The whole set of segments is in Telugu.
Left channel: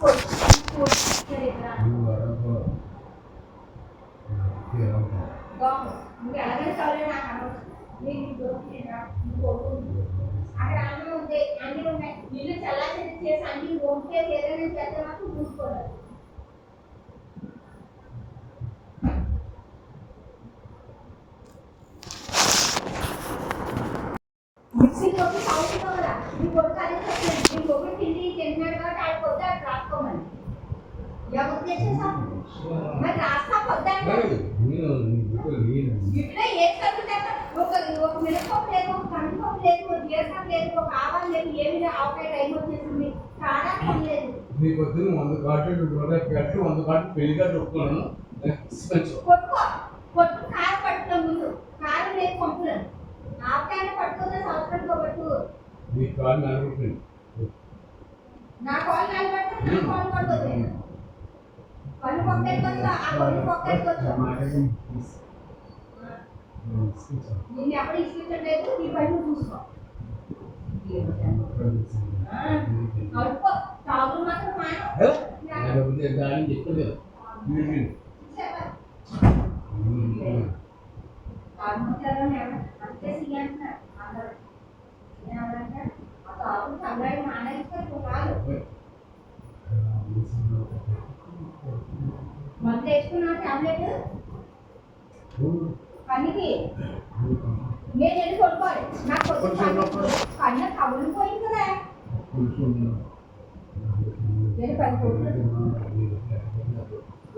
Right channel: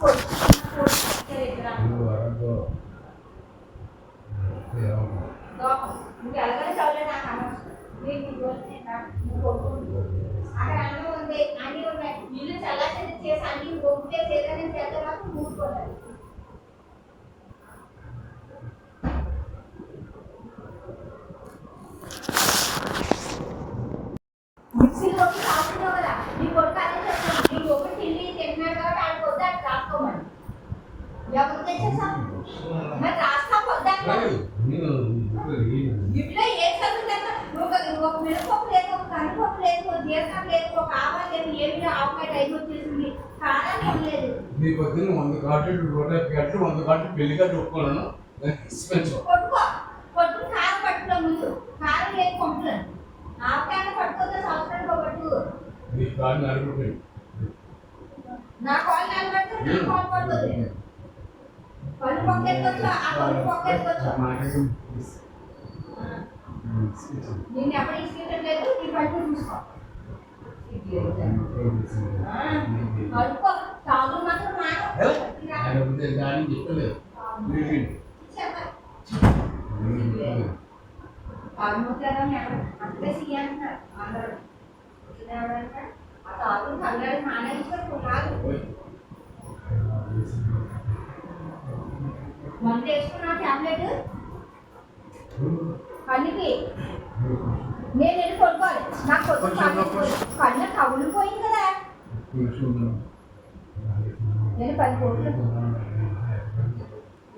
నువ్వు ఎలాగైనా చదివే నాకు అనవసరం. నీకు అక్కడ అన్నం ఉంది, అన్నీ ఉన్నాయి. ఇల్లు చల్లారి చేసి అన్ని ఓపికేసి ఏదైనా చేస్తే నాకు మూసుకోవాలి. మిక్సీలో కావుతున్నావు కదా, నీ కొడుకు అదే చెప్తున్నాను. నీ ఒకటి తిండి తింటున్నాడు కాబట్టి ఆడికి వద్ద అటు రాసుకోమని ఎవరు తెచ్చేసాను మరి రాస్తా పొద్దాను ఇట్లా ఏ చదువు ఒక మినపప్పు లేదు, ఒక కందిపప్పు లేదు, ఒక జీలకర్ర లేదు, ఒక ఆవాలు లేదు, ఏమి ఆవకాయ టైం వచ్చేసింది, కారాలు లేదు. నీ పొద్దున్న 100 కాటలు 100 కాటలు పెళ్లిగా చెప్పుకున్నాను. కొట్టుకో కొట్టు కారం పట్టుకో, ముందు కారం లేదు పంపులను ఆవకాయ పట్టుకోతే సంవత్సరానికి పట్టు. నీ కాళ్ళు నలుగుతుంది, నా కాళ్ళు నలబడితే నా కాళ్ళు పడుతుంది. పళ్ళు పొక్కేసుకోవచ్చు, ఆ పళ్ళు పొక్కేసుకోవచ్చు. నిన్ను ఎక్కడ ఇసుకెట్టలేదు, నీ పళ్ళు చూసుకో. కడుక్కో, తాగులు మాత్రం చెప్పలేదు. అంతే సీయంటున్నారు అందరూ. ఆ తాగులు కళ్ళాడు మానేసుకో కాదు. మందు వేసుకున్నా టాబ్లెట్ కన్నుకి నేను వెళ్ళి కొట్టుకోవాలి. నాకు కన్ను కవులు పోయింది కదా. నేను 10 కోట్లు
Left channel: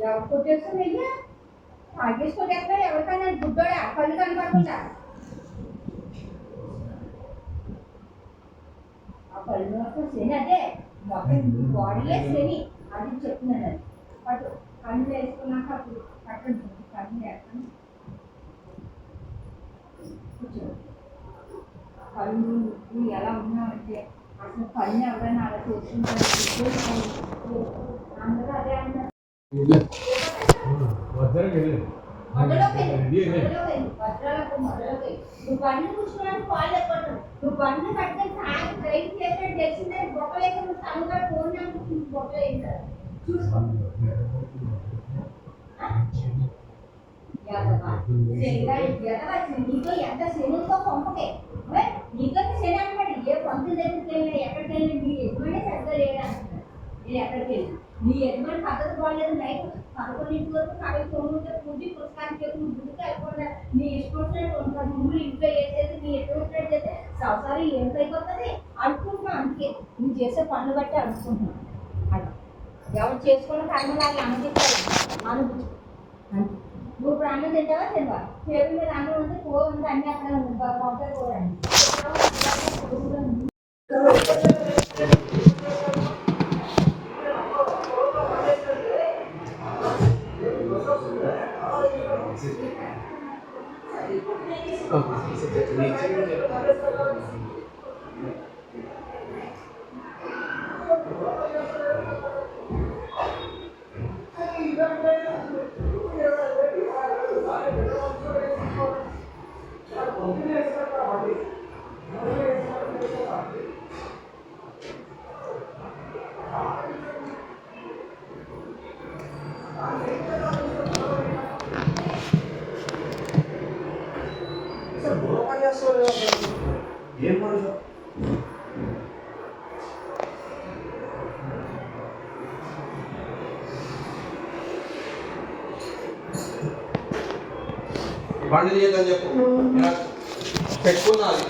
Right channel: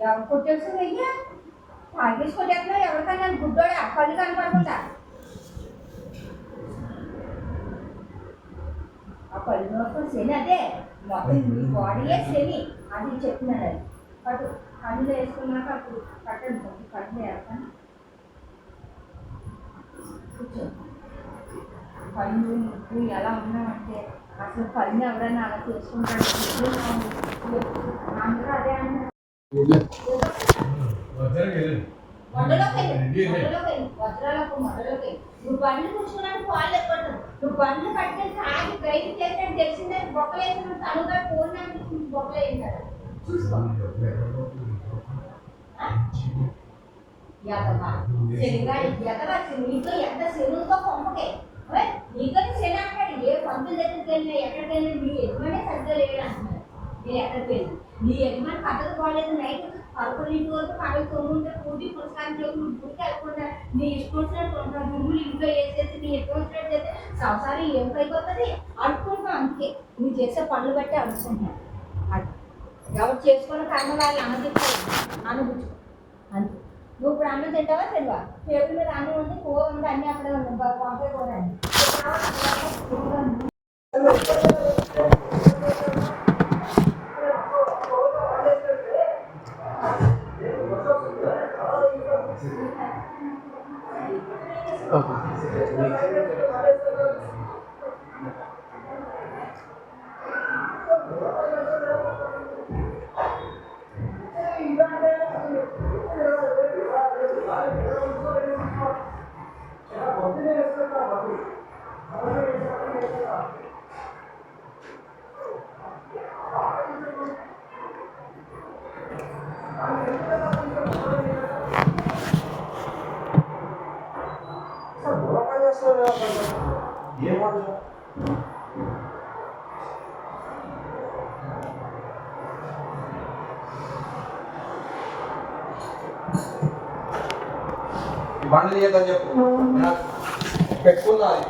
ఎవరు కొట్టేస్తుంది అయ్యా, తాగేసి కొట్టేస్తున్నా. ఎవరికైనా గుడ్డోడా కళ్ళు కనపడకుండా ఆ కళ్ళు మొత్తం శని, అదే మొత్తం బాడీయే శని అది చెప్తున్నాను. అది అటు కళ్ళు వేసుకున్నాక అప్పుడు కట్టండి, కళ్ళు వేస్తాను. కూర్చో. కళ్ళు నువ్వు ఎలా ఉన్నావంటే అసలు కళ్ళు ఎవరైనా అలా చేసుకుంటారు. అందరూ అదే అన్నారు. నువ్వు బండ్లు కూర్చున్నాడు పాలు ఎక్కడు. నువ్వు బండ్లు కట్టే తాగి డ్రైవ్ చేసినట్టు తెలిసిందే. బొక్కలు వేసిన తనుగా ఫోన్ అనిపించింది, బొక్కలు వేసారు చూసుకో. నీతో ఎంత శనుతో పంపకే, నీతో శని అంటాడు. ఏ పంతుల దగ్గరికి వెళ్ళినా ఎక్కడికి వెళ్ళినా నీ యజమానే సరిగ్గా లేడు అంటున్నాడు. నేను ఎక్కడికి వెళ్ళి నీ యజమాని పద్ధతి బాగలేదు. నైట్ 11 వరకు పగలు 9 పూజ పుస్తకాన్ని చెప్పి నువ్వు గుడికి వెళ్ళకుండా నీ ఇష్టం వచ్చినట్టు ఉంటావు. గురువులు ఇంట్లో వేసేసి నీ ఇష్టం వచ్చినట్టు చేస్తే సంసారం ఏం పైపోతుంది అనుకుంటున్నావు. అందుకే నువ్వు చేసే పనులు బట్టి అనుకుంటున్నావు. అది ఎవరు చేసుకున్న కర్మలాగా అనుభవించాలి, అనుభూతి అంతే. నువ్వు ఇప్పుడు అన్నం తింటావా తినవా? టేబుల్ మీద అన్నం ఉంది, పువ్వు ఉంది, అన్నీ అక్కడ ఉంది. పంపే కూడా అండి. బండి తీయద్దని చెప్పు, పెట్టుకున్నది.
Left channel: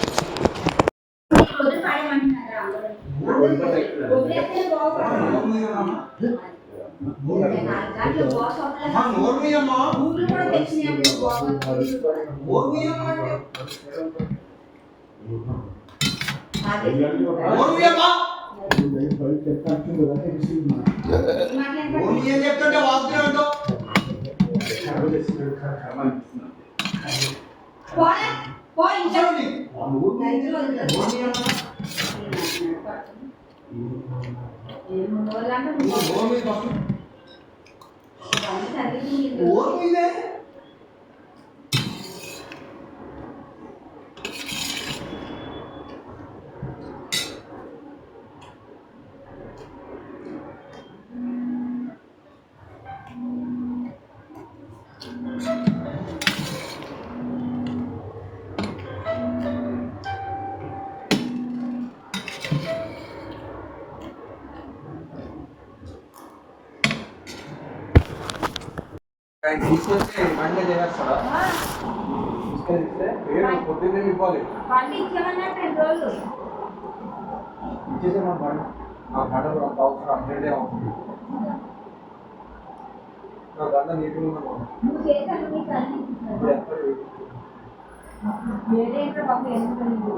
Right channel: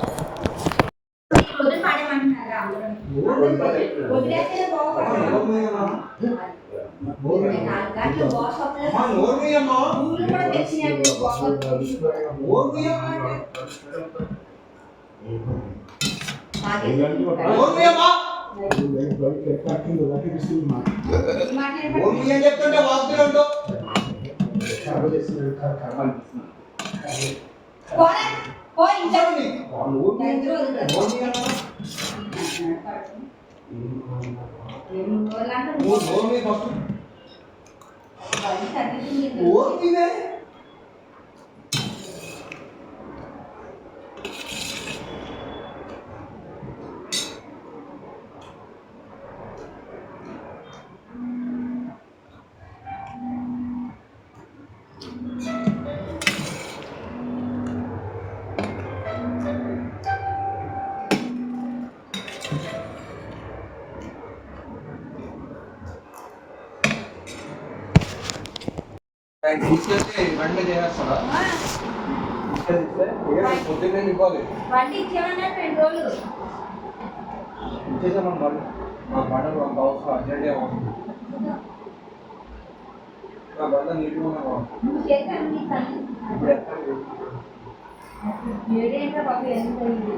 చెప్తుంటే వాస్తు ఆయన తీసుకెళ్తే బండి చేస్తాడా ఆ, తీసుకెళ్తే పొద్దున్నే ఇవ్వాలి బండి ఇచ్చామన్నారు 2 రోజులు. ఇచ్చేసాం బండి మా బండలు అంత అవసరం అర్జెంటే అవసరం నా బండ నీట్గా ఉన్నాను నువ్వు చేశాను నీ తల్లి. ఇప్పుడు ఎక్కడ ఏడేంట్రా బాబు ఎందుకు అయింది?